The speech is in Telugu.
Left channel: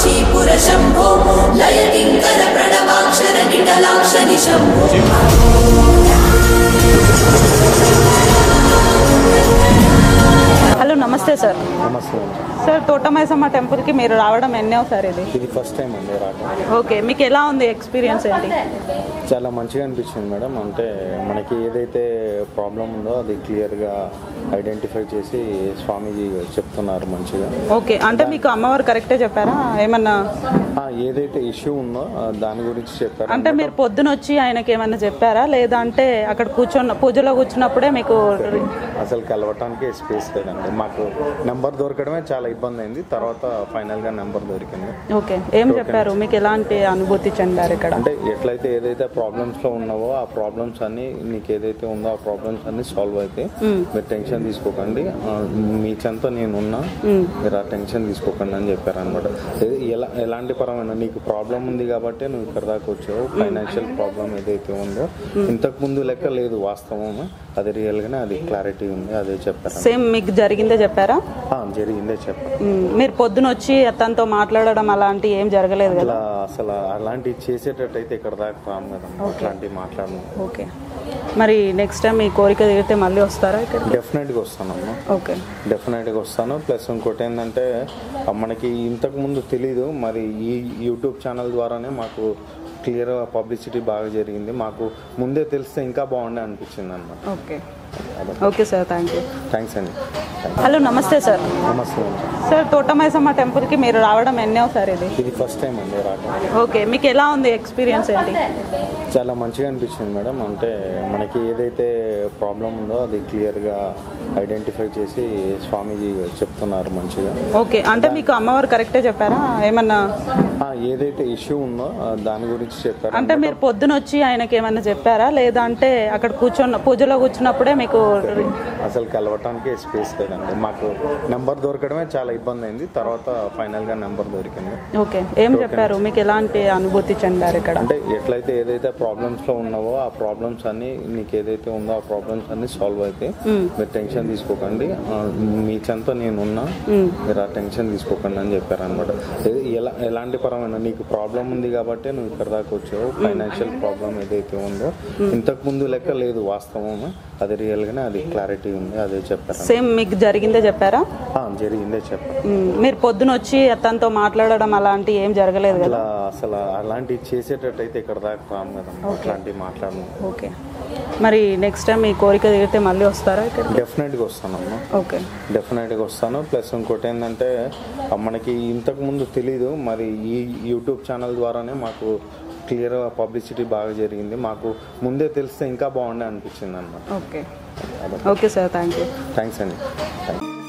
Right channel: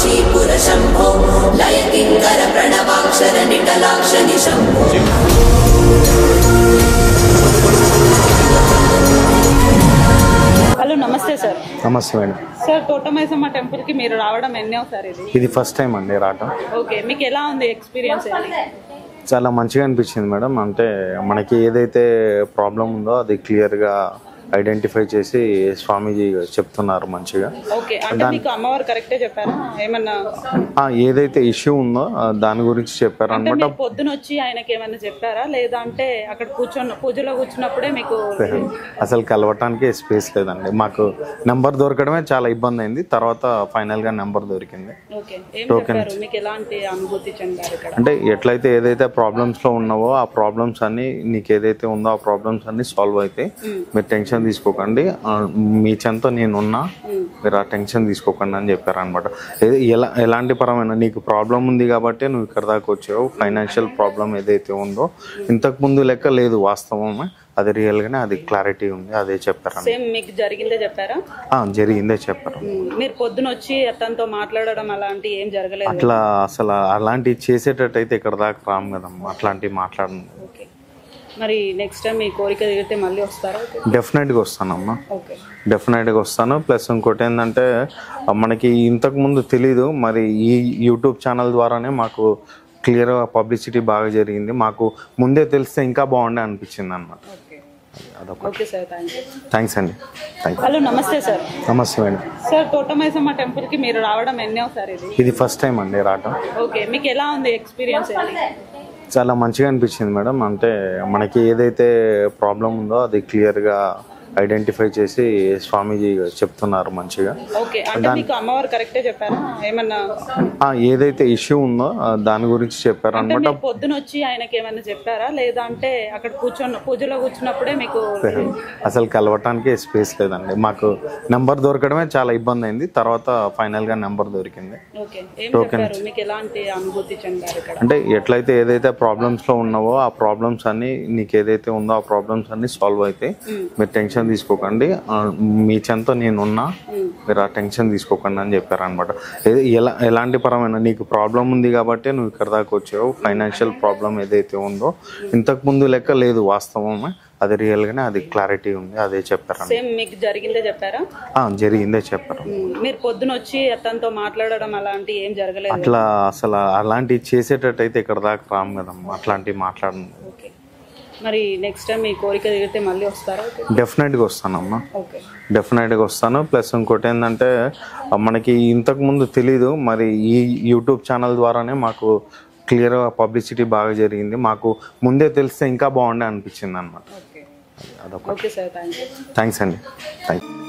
काशीपुर शम्भो लय किङ्कर प्रणवाक्षर निटलाक्षरि शम्भो। హలో నమస్తే సార్. నమస్తే అండి. సార్ తోటమైసమ్మ టెంపుల్ కి మీరు రావడం ఎన్నోసారి? ఇది ఫస్ట్ టైం అండి రావడం. ఓకే, మీకు ఎలా ఉంది ఎక్స్పీరియన్స్ ఏంటి? చాలా మంచిగా అనిపించింది మేడం. అంటే మనకి ఏదైతే ప్రాబ్లం ఉందో అది క్లియర్గా ఐడెంటిఫై చేసి స్వామీజీ చెప్తున్నారు మంచిగా. ఓకే, అంటే మీకు అమ్మవారు కరెక్టే చెప్పారా? ఏమన్నా ఏదైతే ఇష్యూ ఉందో దాని గురించి చెప్పారు. అంటే మీరు పొద్దున వచ్చి ఆయనకి ఏమన్నా చెప్పారా, లేదా అంటే అక్కడ పూజలో కూర్చున్నప్పుడే మీకు? అసలు కలవటానికి స్పేస్ లేదండి. మాకు నెంబర్ దొరకడమే చాలా ఇబ్బంది అయింది. తర్వాత ఫైనల్ గా నెంబర్ దొరికింది. ఓకే, ఏం చెప్పారు? మీకు ఎలాంటి అనుభూతి చెందారు ఇక్కడ? అంటే ఎట్లయితే ఏదైతే ప్రాబ్లమ్స్ లో ఉన్నావో ఆ ప్రాబ్లమ్స్ అన్ని నీకు ఏదైతే ఉందో ఆ ప్రాబ్లమ్స్ అన్ని సాల్వ్ అవుతాయి. మీరు టెన్షన్ తీసుకోకండి, మీ చెంతో నేనున్నా, మీరు ఆ టెన్షన్ తీసుకోకండి అని చెప్పారు అనమాట. ఎలాంటి పరమైన నీకు ప్రాబ్లం ఉంది కాబట్టి నువ్వు ఇక్కడ దాకా వచ్చావు. ఫైనాన్షియల్ ప్రాబ్లం ఏదైతే ఉందో ఇంతకు ముందు లెక్క లేదు, వాస్తవమే, అది రియల్ గానే, అది క్లారిటీ ఉంది, అదే చెప్పారు. సేమ్ మీకు జరిగిందే చెప్పారా? జరిగిందే చెప్పారు. మీరు పొద్దున వచ్చి అతనితో మాట్లాడడం అలాంటి ఏం జరగలేదు? అట్లా అసలు అలాంటివి చేసేటట్టయితే ఇక్కడ దాకా రాము కదా, అట్లాంటివి మాట్లాడము. ఓకే, మరి నెక్స్ట్ టైం మీ కోరిక తీరితే మళ్ళీ వస్తారా? డెఫినెట్గా వస్తానమ్మా. ఓకే, డెఫినెట్గా వస్తాను. ప్లస్ ఇంకోటి ఏంటంటే మనకి ఇంతకు ముందు తెలీదు, మరి ఈ యూట్యూబ్ ఛానల్ ద్వారానే మాకు క్లియర్గా పబ్లిసిటీ బాగా జరిగింది. మాకు ముందే తెలిస్తే ఇంకా బాగుండే అనిపించింది అన్నమాట. ఓకే ఓకే సార్, థ్యాంక్స్ అండి. హలో నమస్తే సార్. నమస్తే అండి. సార్ తోటమైసమ్మ టెంపుల్ కి మీరు రావడం ఎన్నోసారి? ఇది ఫస్ట్ టైం అండి రావడం. ఓకే, మీకు ఎలా ఉంది ఎక్స్పీరియన్స్ ఏంటి? చాలా మంచిగా అనిపించింది మేడం. అంటే మనకి ఏదైతే ప్రాబ్లం ఉందో అది క్లియర్గా ఐడెంటిఫై చేసి స్వామీజీ చెప్తున్నారు మంచిగా. ఓకే, అంటే మీకు అమ్మవారు కరెక్టే చెప్పారా? ఏమన్నా ఏదైతే ఇష్యూ ఉందో దాని గురించి చెప్పారు. అంటే మీరు పొద్దున వచ్చి ఆయనకి ఏమన్నా చెప్పారా, లేదా అంటే అక్కడ పూజలో కూర్చున్నప్పుడే మీకు? అసలు కలవటానికి స్పేస్ లేదండి. మాకు నెంబర్ దొరకడమే చాలా ఇబ్బంది అయింది. తర్వాత ఫైనల్ గా నెంబర్ దొరికింది. ఓకే, ఏం చెప్పారు? మీకు ఎలాంటి అనుభూతి చెందారు ఇక్కడ? అంటే ఎట్లయితే ఏదైతే ప్రాబ్లమ్స్ లో ఉన్నావో ఆ ప్రాబ్లమ్స్ అన్ని నీకు ఏదైతే ఉందో ఆ ప్రాబ్లమ్స్ అన్ని సాల్వ్ అవుతాయి. మీరు టెన్షన్ తీసుకోకండి, మీ చెంతో నేనున్నా, మీరు ఆ టెన్షన్ తీసుకోకండి అని చెప్పారు అనమాట. ఎలాంటి పరమైన నీకు ప్రాబ్లం ఉంది కాబట్టి నువ్వు ఇక్కడ దాకా వచ్చావు. ఫైనాన్షియల్ ప్రాబ్లం ఏదైతే ఉందో ఇంతకు ముందు లెక్క లేదు, వాస్తవమే, అది రియల్ గానే, అది క్లారిటీ ఉంది, అదే చెప్పారు. సేమ్ మీకు జరిగిందే చెప్పారా? జరిగిందే చెప్పారు. మీరు పొద్దున వచ్చి అతనితో మాట్లాడడం అలాంటి ఏం జరగలేదు? అట్లా అసలు అలాంటివి చేసేటట్టయితే ఇక్కడ దాకా రాము కదా, అట్లాంటివి మాట్లాడము. ఓకే, మరి నెక్స్ట్ టైం మీ కోరిక తీరితే మళ్ళీ వస్తారా? డెఫినెట్గా వస్తానమ్మా. ఓకే, డెఫినెట్గా వస్తాను. ప్లస్ ఇంకోటి ఏంటంటే మనకి ఇంతకు ముందు తెలీదు, మరి ఈ యూట్యూబ్ ఛానల్ ద్వారానే మాకు క్లియర్గా పబ్లిసిటీ బాగా జరిగింది. మాకు ముందే తెలిస్తే ఇంకా బాగుండే అనిపించింది అన్నమాట. ఓకే ఓకే సార్, థ్యాంక్స్ అండి. Thank you.